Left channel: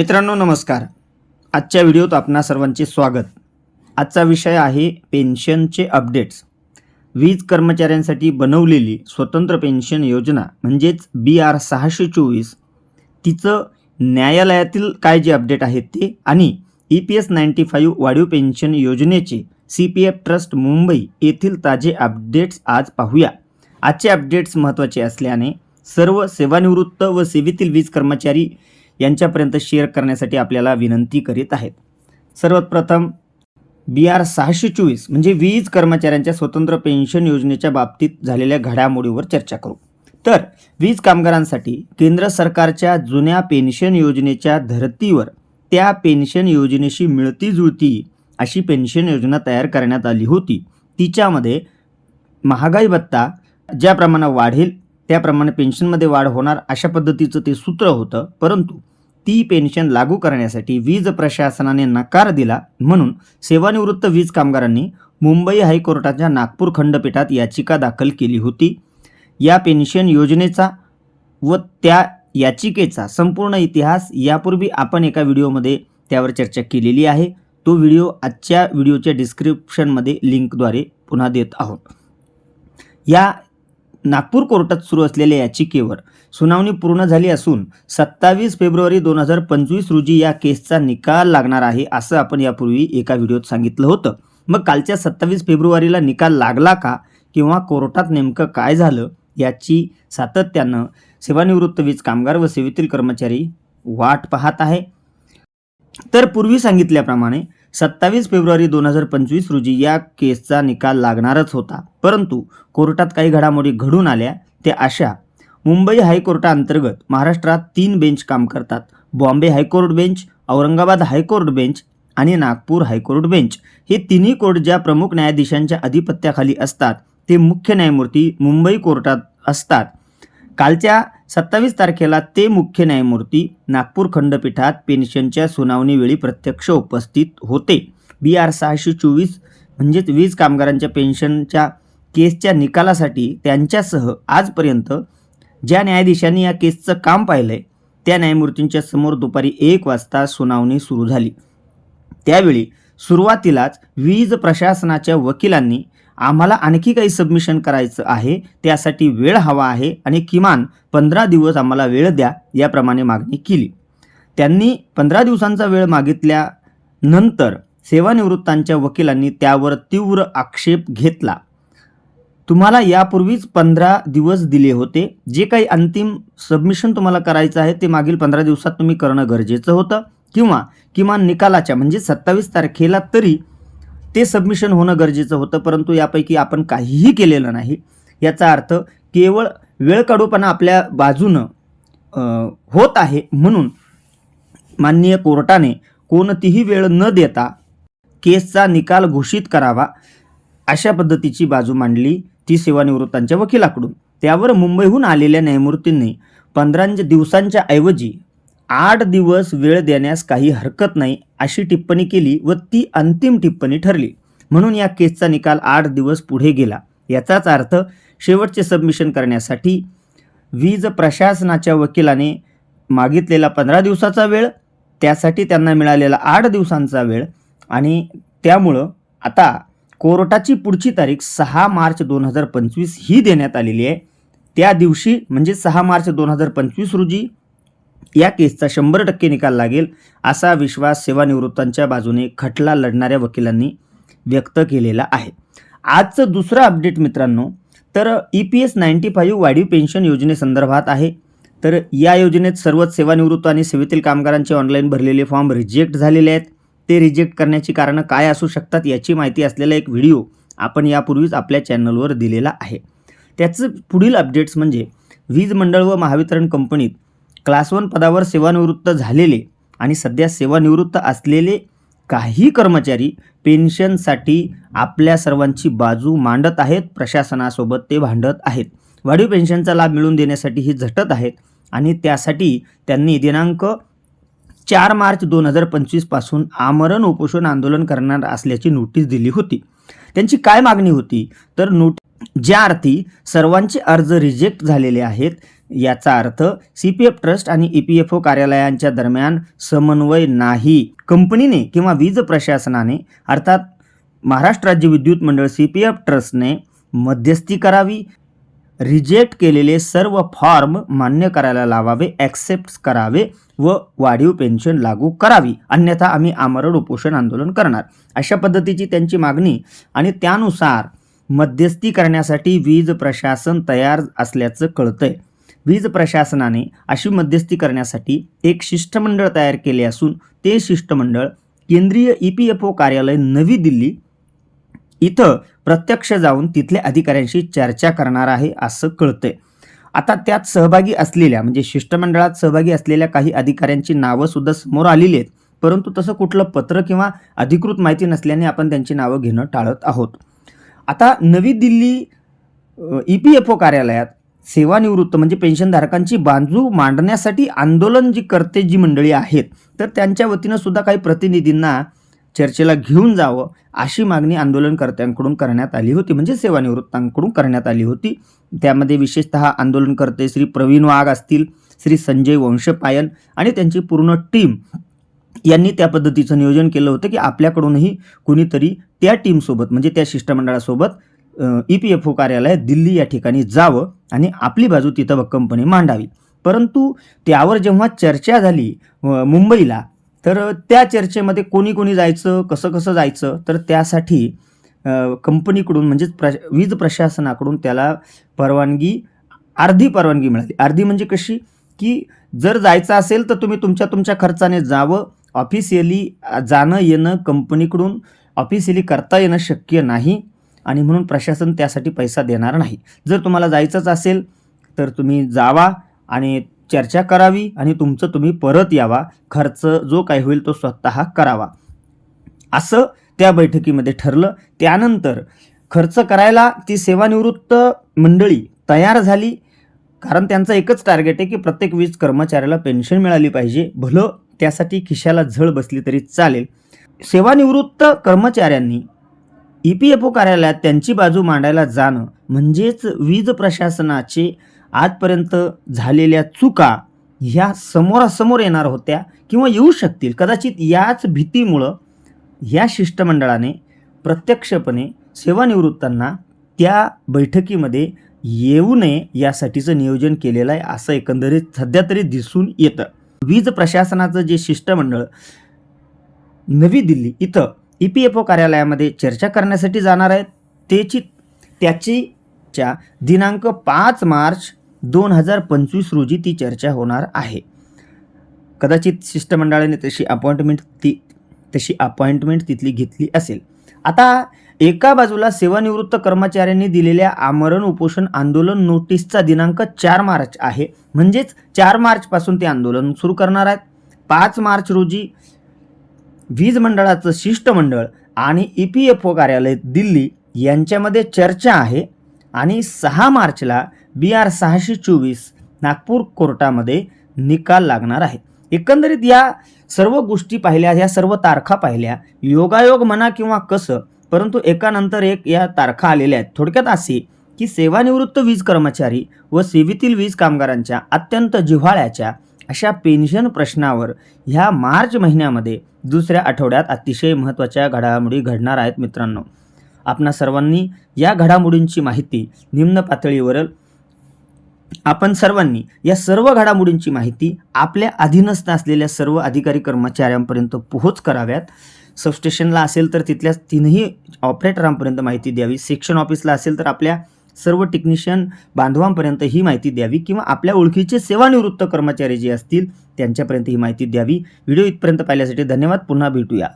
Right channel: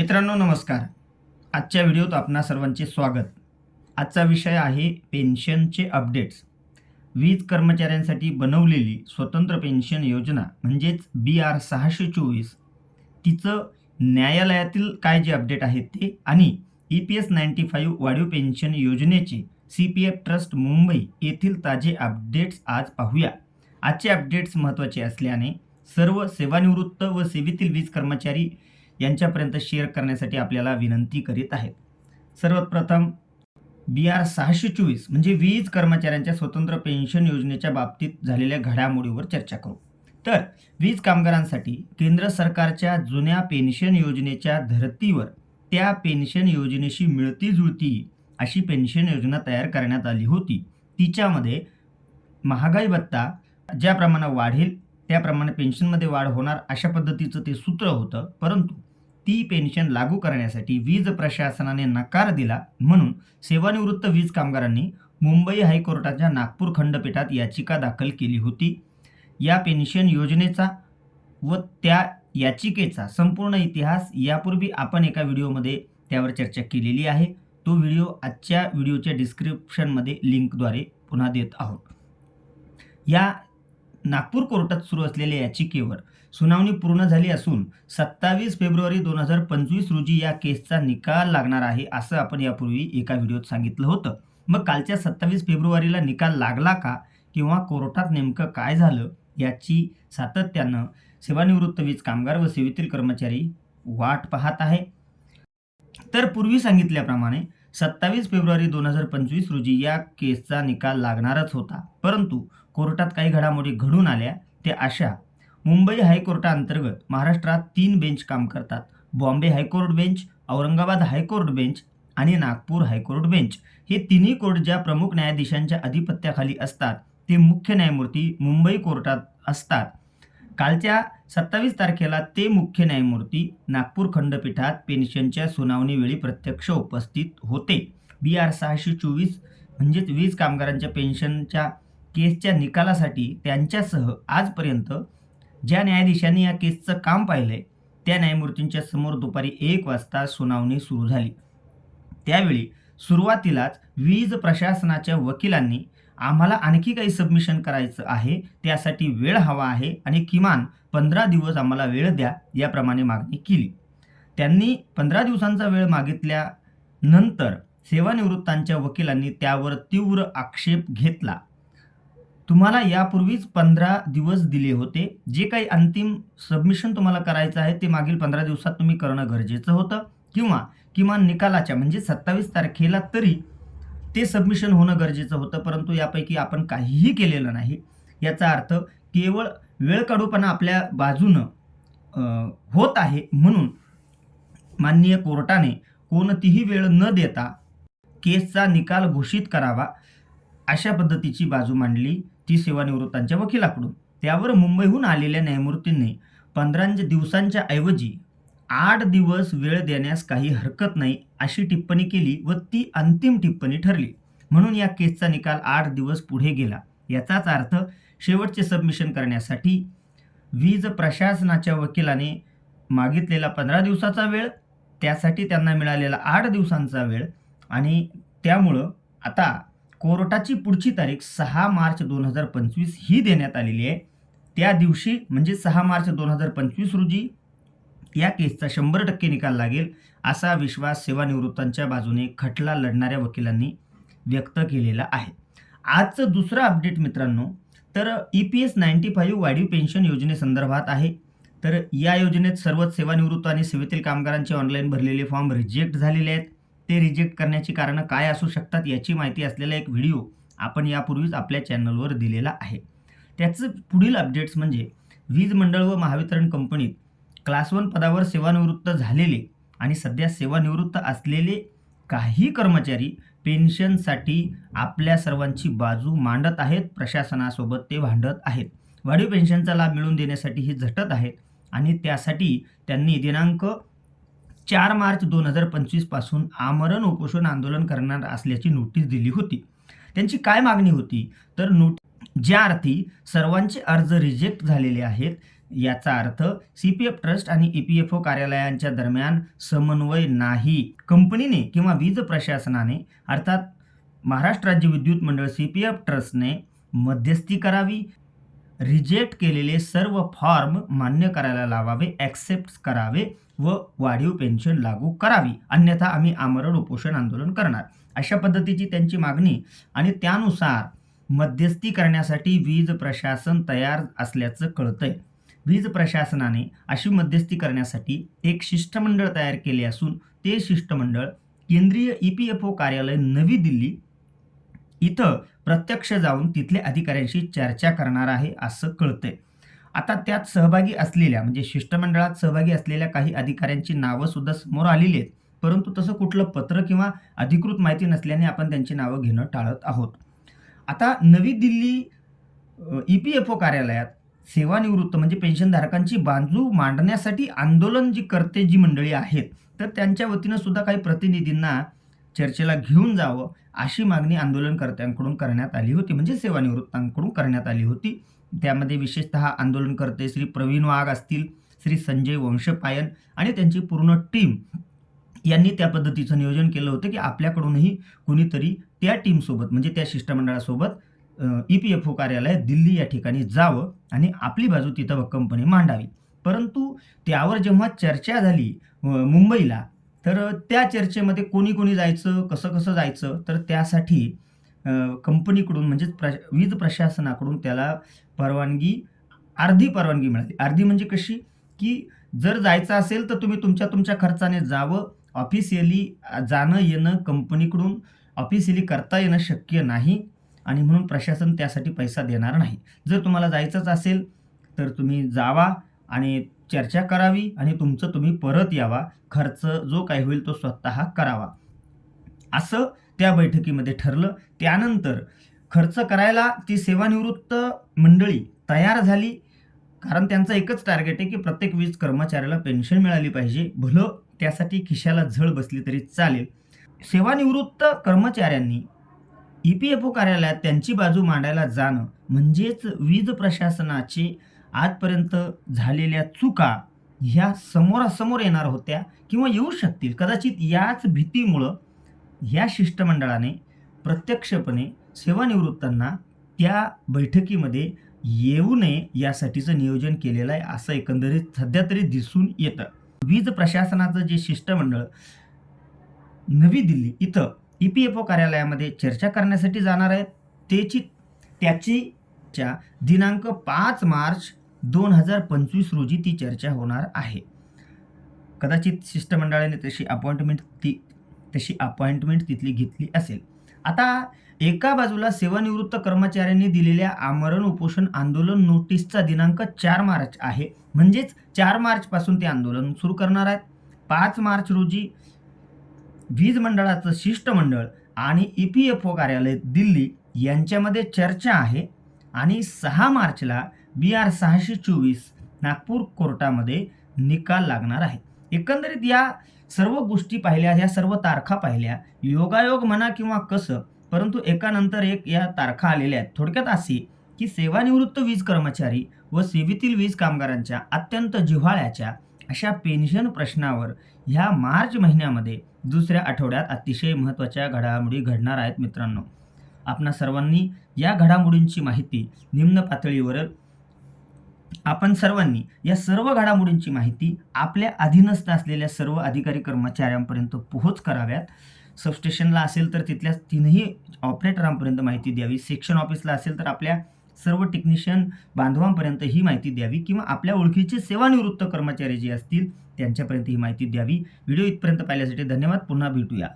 मित्रांनो नमस्कार. आजच्या व्हिडिओत आपणा सर्वांचे स्वागत. आजचा विषय आहे पेन्शनचे अपडेट्स. वीज कर्मचाऱ्यांसाठी बनवलेली स्वतंत्र पेन्शन योजना म्हणजेच बी आर सहाशे चोवीस. तिचं न्यायालयातील काय जे अपडेट आहेत ते आणि E P S ninety five वाढीव पेन्शन योजनेचे C P F trust Mumbai येथील ताजे अपडेट्स आज पाहूया. आजचे अपडेट्स महत्त्वाचे असल्याने सर्व सेवानिवृत्त व सेवेतील वीज कर्मचारी यांच्यापर्यंत शेअर करण्यासाठी आपल्याला विनंती करीत आहेत. सर्वात प्रथम बी आर सहाशे चोवीस म्हणजे वीज कर्मचाऱ्यांच्या स्वतंत्र पेन्शन योजनेच्या बाबतीत झालेल्या घडामोडीवर चर्चा करू. तर वीज कामगारांसाठी केंद्र सरकारच्या जुन्या पेन्शन योजनेच्या धर्तीवर त्या पेन्शन योजनेशी मिळती जुळती अशी पेन्शन योजना तयार करण्यात आली होती. तिच्यामध्ये महागाई भत्ता ज्या प्रमाणात वाढेल त्याप्रमाणे पेन्शनमध्ये वाढ होणार अशा पद्धतीचं ते सूत्र होतं. परंतु ती पेन्शन लागू करण्यासाठी वीज प्रशासनाने नकार दिला म्हणून सेवानिवृत्त वीज कामगारांनी मुंबई हायकोर्टाच्या नागपूर खंडपीठात याचिका दाखल केली होती. या पेन्शन योजनेचा व त्या याचिकेचा संपूर्ण इतिहास यापूर्वी आपण एका व्हिडिओमध्ये त्यावर चर्चा केलेली आहे. तो व्हिडिओ आजच्या व्हिडिओच्या डिस्क्रिप्शनमध्ये लिंकद्वारे पुन्हा देत आहोत. या नागपूर कोर्टात सुरू असलेल्या याचिकेवर सुनावणी पूर्ण झाली असून सत्तावीस फेब्रुवारी दोन हजार पंचवीस रोजी या केसचा निकाल लागणार आहे असं आपण यापूर्वी एका व्हिडिओत सांगितलं होतं. मग कालच्या सत्तावीस फेब्रुवारीला निकाल लागला का? किंवा कोर्टात नेमकं काय झालं? याची सातत्यानं सेवानिवृत्त वीज कामगार व सेवेतील कर्मचारी वाट पाहत आहे. तर पूर्वी सांगितल्याप्रमाणे सत्तावीस फेब्रुवारी दोन हजार पंचवीस रोजी या केसचा निकाल लागणारच होता. परंतु कोर्टात काही घडामोडी घडून आल्या. त्या अशा मुंबई हायकोर्टाअंतर्गत महाराष्ट्रात तीन बेंच काम करतात. Bombay high court bench Aurangabad high court bench आणि नागपूर हायकोर्ट बेंच. हे तिन्ही कोर्ट ज्या प्रमुख न्यायाधीशांच्या अधिपत्याखाली असतात ते मुख्य न्यायमूर्ती मुंबई कोर्टात असतात. कालच्या सत्तावीस तारखेला ते मुख्य न्यायमूर्ती नागपूर खंडपीठात पेन्शनच्या सुनावणीवेळी प्रत्यक्ष उपस्थित होते. बी आर सहाशे चोवीस म्हणजेच वीज कामगारांच्या पेन्शनच्या केसच्या निकालासाठी त्यांच्यासह आजपर्यंत ज्या न्यायाधीशांनी या केसचं काम पाहिलं आहे त्या न्यायमूर्तींच्या समोर दुपारी एक वाजता सुनावणी सुरू झाली. त्यावेळी सुरुवातीलाच वीज प्रशासनाच्या वकिलांनी आम्हाला आणखी काही सबमिशन करायचं आहे त्यासाठी वेळ हवा आहे आणि किमान पंधरा दिवस आम्हाला वेळ द्या याप्रमाणे मागणी केली. त्यांनी पंधरा दिवसांचा वेळ मागितल्यानंतर सेवानिवृत्तांच्या वकिलांनी त्यावर तीव्र आक्षेप घेतला. तुम्हाला यापूर्वीच पंधरा दिवस दिले होते. जे काही अंतिम सबमिशन तुम्हाला करायचं आहे ते मागील पंधरा दिवसात तुम्ही करणं गरजेचं होतं. किंवा किमान निकालाच्या म्हणजे सत्तावीस तारखेला तरी ते सबमिशन होणं गरजेचं होतं. परंतु यापैकी आपण काहीही केलेलं नाही. याचा अर्थ केवळ वेळ काढूपणा आपल्या बाजूनं होत आहे. म्हणून माननीय कोर्टाने कोणतीही वेळ न देता केसचा निकाल घोषित करावा. अशा पद्धतीची बाजू मांडली ती सेवानिवृत्तांच्या वकिलाकडून. त्यावर मुंबईहून आलेल्या न्यायमूर्तींनी पंधरा दिवसांच्या ऐवजी आठ दिवस वेळ देण्यास काही हरकत नाही अशी टिप्पणी केली व ती अंतिम टिप्पणी ठरली. म्हणून या केसचा निकाल आठ दिवस पुढे गेला. याचाच अर्थ शेवटचे सबमिशन करण्यासाठी वीज प्रशासनाच्या वकिलाने मागितलेला पंधरा दिवसाचा वेळ त्यासाठी त्यांना मिळालेला आठ दिवसांचा वेळ आणि त्यामुळं आता कोर्टाची पुढची तारीख सहा मार्च दोन हजार पंचवीस ही देण्यात आलेली आहे. त्या दिवशी म्हणजे सहा मार्च दोन हजार पंचवीस रोजी या केसचा शंभर टक्के निकाल लागेल असा विश्वास सेवानिवृत्तांच्या बाजूने खटला लढणाऱ्या वकिलांनी व्यक्त केलेला आहे. आजचं दुसरं अपडेट मित्रांनो तर E P S ninety five वाढीव पेन्शन योजनेसंदर्भात आहे. तर या योजनेत सर्वच सेवानिवृत्त आणि सेवेतील कामगारांचे ऑनलाईन भरलेले फॉर्म रिजेक्ट झालेले आहेत. ते रिजेक्ट करण्याची कारणं काय असू शकतात याची माहिती असलेला एक व्हिडिओ आपण यापूर्वीच आपल्या चॅनलवर दिलेला आहे. त्याचं पुढील अपडेट्स म्हणजे वीज मंडळ व महावितरण कंपनीत क्लास वन पदावर सेवानिवृत्त झालेले आणि सध्या सेवानिवृत्त असलेले काही कर्मचारी पेन्शनसाठी आपल्या सर्वांची बाजू मांडत आहेत प्रशासनासोबत ते भांडत आहेत. वाढीव पेन्शनचा लाभ मिळवून देण्यासाठी ही झटत आहेत आणि त्यासाठी त्यांनी दिनांक चार मार्च दोन हजार पंचवीसपासून आमरण उपोषण आंदोलन करणार असल्याची नोटीस दिली होती. त्यांची काय मागणी होती? तर नोट ज्या अर्थी सर्वांचे अर्ज रिजेक्ट झालेले आहेत याचा अर्थ सी पी एफ ट्रस्ट आणि ई पी एफ ओ कार्यालयांच्या दरम्यान समन्वय नाही. कंपनीने किंवा वीज प्रशासनाने अर्थात महाराष्ट्र राज्य विद्युत मंडळ सी पी एफ ट्रस्टने मध्यस्थी करावी रिजेक्ट केलेले सर्व फॉर्म मान्य करायला लावावे ॲक्सेप्ट करावे व वाढीव पेन्शन लागू करावी. अन्यथा आम्ही आमरण उपोषण आंदोलन करणार. अशा पद्धतीची त्यांची मागणी आणि त्यानुसार मध्यस्थी करण्यासाठी वीज प्रशासन तयार असल्याचं कळतंय. वीज प्रशासनाने अशी मध्यस्थी करण्यासाठी एक शिष्टमंडळ तयार केले असून ते शिष्टमंडळ केंद्रीय ई पी एफ ओ कार्यालय नवी दिल्ली इथं प्रत्यक्ष जाऊन तिथल्या अधिकाऱ्यांशी चर्चा करणार आहे असं कळतंय. आता त्यात सहभागी असलेल्या म्हणजे शिष्टमंडळात सहभागी असलेल्या काही अधिकाऱ्यांची नावं सुद्धा समोर आलेली आहेत. परंतु तसं कुठलं पत्र किंवा अधिकृत माहिती नसल्याने आपण त्यांची नावं घेणं टाळत आहोत. आता नवी Delhi E P F O कार्यालयात सेवानिवृत्त म्हणजे पेन्शनधारकांची बाजू मांडण्यासाठी आंदोलन जी करते जी मंडळी आहेत तर त्यांच्या वतीनं सुद्धा काही प्रतिनिधींना चर्चेला घेऊन जावं अशी मागणी आंदोलनकर्त्यांकडून करण्यात आली होती. म्हणजे सेवानिवृत्तांकडून करण्यात आली होती. त्यामध्ये विशेषतः आंदोलनकर्ते श्री प्रवीण वाघ असतील श्री संजय वंशपायन आणि त्यांची पूर्ण टीम यांनी त्या पद्धतीचं नियोजन केलं होतं की आपल्याकडूनही कुणीतरी त्या टीमसोबत म्हणजे त्या शिष्टमंडळासोबत ई पी एफ ओ कार्यालय दिल्ली या ठिकाणी जावं आणि आपली बाजू तिथं भक्कमपणे मांडावी. परंतु त्यावर जेव्हा चर्चा झाली मुंबईला तर त्या चर्चेमध्ये कोणी कोणी जायचं कसं कसं जायचं तर त्यासाठी कंपनीकडून म्हणजेच प्र वीज प्रशासनाकडून त्याला परवानगी अर्धी परवानगी मिळाली. अर्धी म्हणजे कशी? की जर जायचं असेल तर तुम्ही तुमच्या तुमच्या खर्चाने जावं ऑफिशियली जाणं येणं कंपनीकडून ऑफिशियली करता येणं शक्य नाही आणि म्हणून प्रशासन त्यासाठी पैसा देणार नाही. जर तुम्हाला जायचंच असेल तर तुम्ही जावा आणि चर्चा करावी आणि तुमचं तुम्ही परत यावा. खर्च जो काही होईल तो स्वतः करावा. असं त्या बैठकीमध्ये ठरलं. त्यानंतर खर्च करायला ती सेवानिवृत्त मंडळी तयार झाली. कारण त्यांचं एकच टार्गेट आहे की प्रत्येक वीज कर्मचाऱ्याला पेन्शन मिळाली पाहिजे. भलं त्यासाठी खिशाला झळ बसली तरी चालेल. सेवानिवृत्त कर्मचाऱ्यांनी ई पी एफ ओ कार्यालयात त्यांची बाजू मांडायला जाणं म्हणजेच वीज प्रशासनाचे आजपर्यंत झालेल्या चुका ह्या समोरासमोर येणार होत्या किंवा येऊ शकतील. कदाचित याच भीतीमुळं या शिष्टमंडळाने प्रत्यक्षपणे सेवानिवृत्तांना त्या बैठकीमध्ये येऊ नये यासाठीचं नियोजन केलेलं आहे असं एकंदरीत सध्या तरी दिसून येतं. वीज प्रशासनाचं जे शिष्टमंडळ नवी दिल्ली इथं ई पी एफ ओ कार्यालयामध्ये चर्चा करण्यासाठी जाणार आहेत. त्याची त्याची च्या दिनांक पाच मार्च दोन हजार पंचवीस रोजी ती चर्चा होणार आहे. कदाचित शिष्टमंडळाने तशी अपॉइंटमेंट ती तशी अपॉइंटमेंट तिथली घेतली असेल. आता एका बाजूला सेवानिवृत्त कर्मचाऱ्यांनी दिलेल्या आमरण उपोषण आंदोलन नोटीसचा दिनांक चार मार्च आहे. म्हणजेच चार मार्चपासून ते आंदोलन सुरू करणार आहेत. पाच मार्च रोजी वीज मंडळाचं शिष्टमंडळ आणि ई पी एफ ओ कार्यालय दिल्ली यांच्यामध्ये चर्चा आहे आणि सहा मार्चला बी आर सहाशे चोवीस नागपूर कोर्टामध्ये निकाल लागणार आहे. एकंदरीत या सर्व गोष्टी पाहिल्या या सर्व तारखा पाहिल्या योगायोग म्हणा किंवा कसं परंतु एकानंतर एक या तारखा आलेल्या आहेत. थोडक्यात असे की सेवानिवृत्त वीज कर्मचारी व सेवेतील वीज कामगारांच्या अत्यंत जिव्हाळ्याच्या अशा पेन्शन प्रश्नावर ह्या मार्च महिन्यामध्ये दुसऱ्या आठवड्यात अतिशय महत्त्वाच्या घडामोडी घडणार आहेत मित्रांनो. आपणा सर्वांनी या घडामोडींची माहिती निम्न पातळीवर आपण सर्वांनी या सर्व घडामोडींची माहिती आपल्या अधीनस्थ असलेल्या सर्व अधिकारी कर्मचाऱ्यांपर्यंत पोहोच कराव्यात. सबस्टेशनला असेल तर तिथल्या तीनही ऑपरेटरांपर्यंत माहिती द्यावी. सेक्शन ऑफिसला असेल तर आपल्या सर्व टेक्निशियन बांधवांपर्यंत ही माहिती द्यावी किंवा आपल्या ओळखीचे सेवानिवृत्त कर्मचारी जे असतील त्यांच्यापर्यंत ही माहिती द्यावी. व्हिडिओ इथपर्यंत पाहिल्यासाठी धन्यवाद. पुन्हा भेटूया.